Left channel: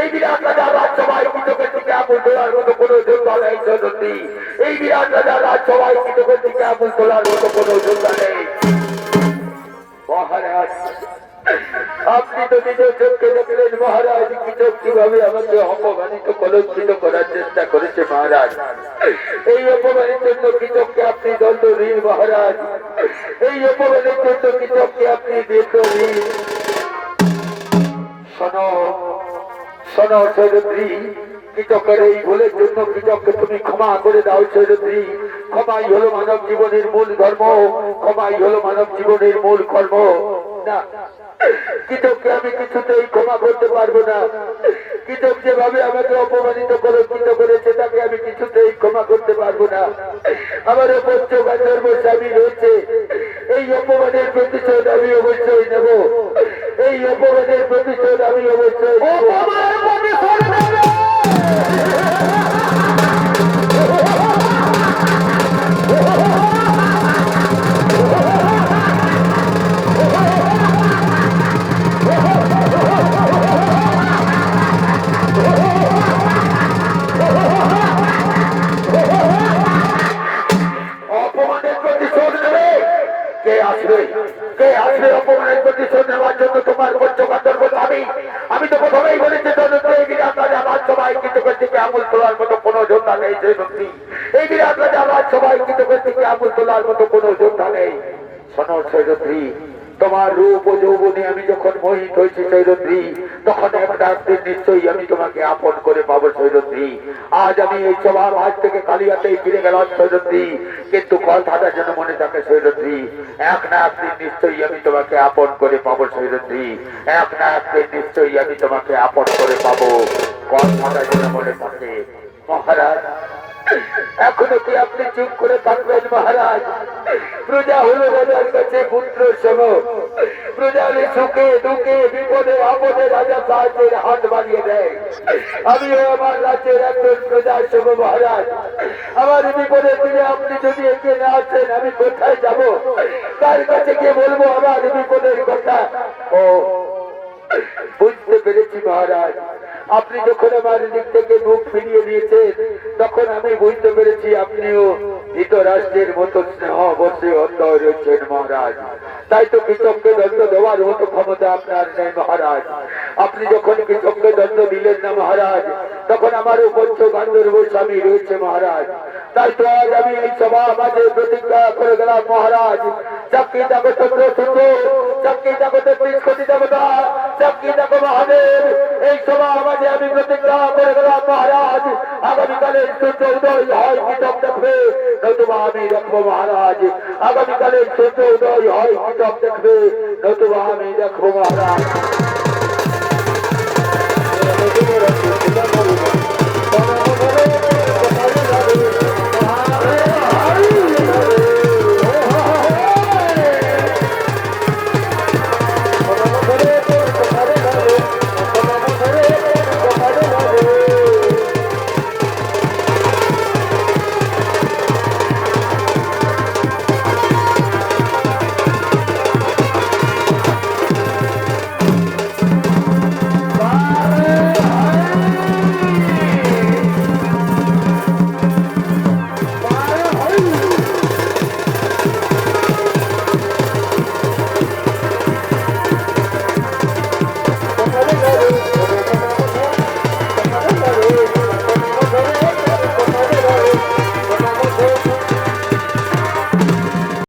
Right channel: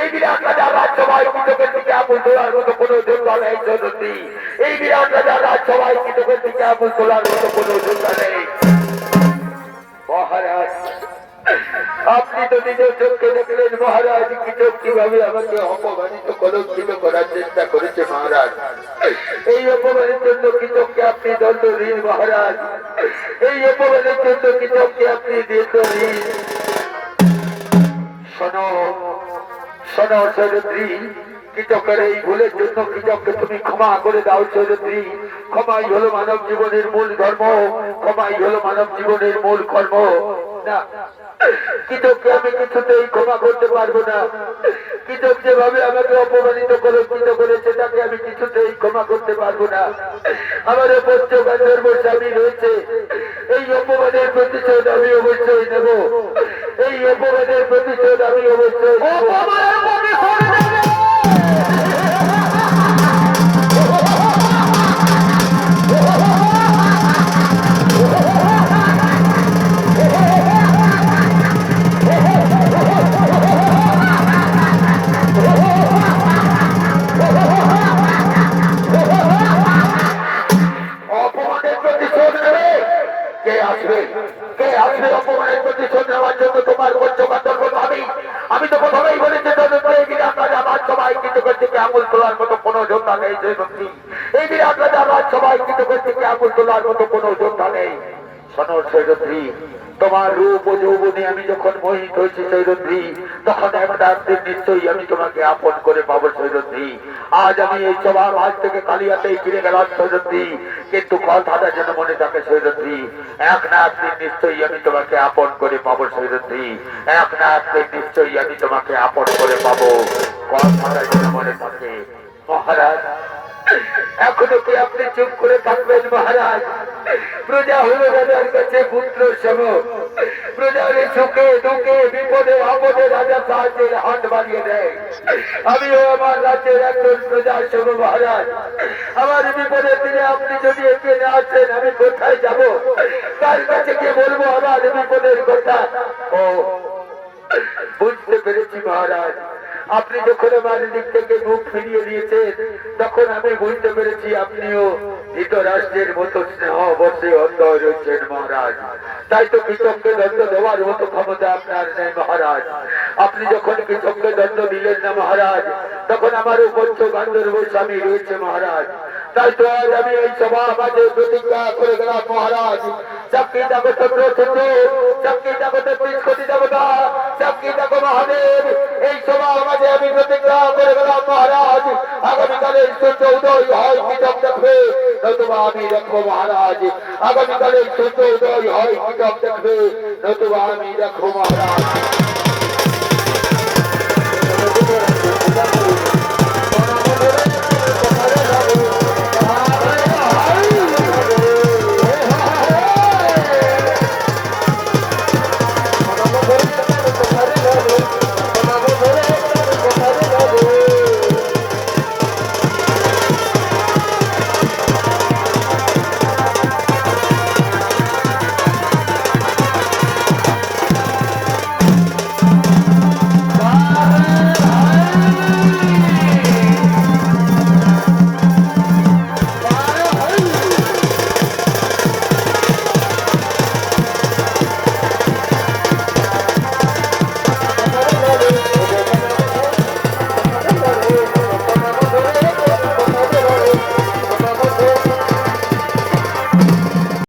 এই বিরাট রাজার রাজসভায় কৃতকের দিকে আঙুল তোলার মতো কোনো যোদ্ধা নেই সদস্যী। এই বিরাট রাজার রাজসভায় কৃতকের দিকে আঙুল তোলার মতো কোনো যোদ্ধা নেই। মহারাজ, আপনি তো নিজের চোখে দেখলেন মহারাজ কৃতক কিভাবে আমাকে অপমানিত কলঙ্কিত করার চেষ্টা করেছে মহারাজ। এই অপমানের জন্য কৃতককে আপনি দণ্ড দিন মহারাজ। এই অপমানের জন্য কৃতককে আপনি দণ্ড দিন। শোনো শোনো সৈরদ্রী, কৃতকের এই ভুলের জন্য কৃতককে তুমি ক্ষমা করে দাও সৈরদ্রী। ক্ষমাই হলো মানব জীবনের মূল ধর্ম, ক্ষমাই হলো মানব জীবনের মূল কর্ম। না, কৃতককে আমি কিছুতেই ক্ষমা করতে পারবো না। কৃতক যেভাবে আমাকে অপমানিত কলঙ্কিত করেছে তাকে আমি কিছুতেই ক্ষমা করতে পারবো না। আমার পঞ্চগন্ধর্ব স্বামী রয়েছে, এই অপমানের প্রতিশোধ আমি অবশ্যই নেব। এই অপমানের প্রতিশোধ আমি অবশ্যই অপমানের প্রতিশোধ নেওয়ার জন্য তোমার পঞ্চগন্ধর্ব স্বামী। আমি তো প্রথমেই বলেছি এই বিরাট রাজা রাজসভায় কৃতকের দিকে আঙুল তোলার মতো কোনো যোদ্ধা নেই সৈরদ্রী। এই বিরাট রাজা রাজসভায় কৃতকের দিকে আঙুল তোলার মতো কোনো যোদ্ধা নেই। শোনো সৈরদ্রী, তোমার রূপ ও যৌবনে আমি যখন মোহিত হয়েছি সৈরদ্রী, তখন একটা দিন নিশ্চয়ই আমি তোমাকে আপন করে পাবো সৈরদ্রী। আজ আমি এই সভা আজ থেকে কালিয়াতেই ফিরে গেলাম সৈরদ্রী, কিন্তু কথাটা যেন মনে থাকে সৈরদ্রী, এক না একদিন নিশ্চয়ই আমি তোমাকে আপন করে পাবো সৈরদ্রী। এক না একদিন নিশ্চয়ই আমি তোমাকে আপন করে পাবো, কথাটা যেন মনে থাকে। মহারাজ, এখনো কি আপনি চুপ করে থাকবেন মহারাজ? প্রজা হলো রাজার কাছে পুত্র সম। প্রজার সুখে দুঃখে বিপদে আপদে রাজা সাহায্যের হাত বাড়িয়ে দেয়। আমিও আমার রাজ্যের একজন প্রজার সম মহারাজ। আমার বিপদের দিনে আপনি যদি এগিয়ে না আসেন আমি কোথায় যাব? তার কাছে গিয়ে বলবো আমার বিপদের কথা? ও বুঝতে পেরেছি মহারাজ, আপনি যখন আমার দিক থেকে মুখ ফিরিয়ে দিয়েছেন তখন আমি বুঝতে পেরেছি আপনিও ধৃতরাষ্ট্রের মতো স্নেহ বসে অন্তর রয়েছেন মহারাজ। তাই তো কৃষককে দণ্ড দেওয়ার মতো ক্ষমতা আপনার নেই মহারাজ। আপনি যখন কৃষককে দণ্ড দিলেন না মহারাজ, তখন আমারও পঞ্চগন্ধর্ব স্বামী রয়েছে মহারাজ। তাই তো আজ আমি এই সভা মাঝে প্রতিজ্ঞা করে গেলাম মহারাজ, চাকরি যাবো চন্দ্র সূর্য, চাকরি যাবো ৩৩ কোটি দেবতা, চাকরি যাবো মহাদেব, এই সভা মাঝে আমি প্রতিজ্ঞা করে গেলাম মহারাজ, আগামীকালের সূর্য উদয় হয় কৃষক দেখবে, নতুবা আমি দেখবো মহারাজ। আগামীকালের সূর্য উদয় হয় কৃষক দেখবে, নতুবা আমি দেখবো মহারাজ।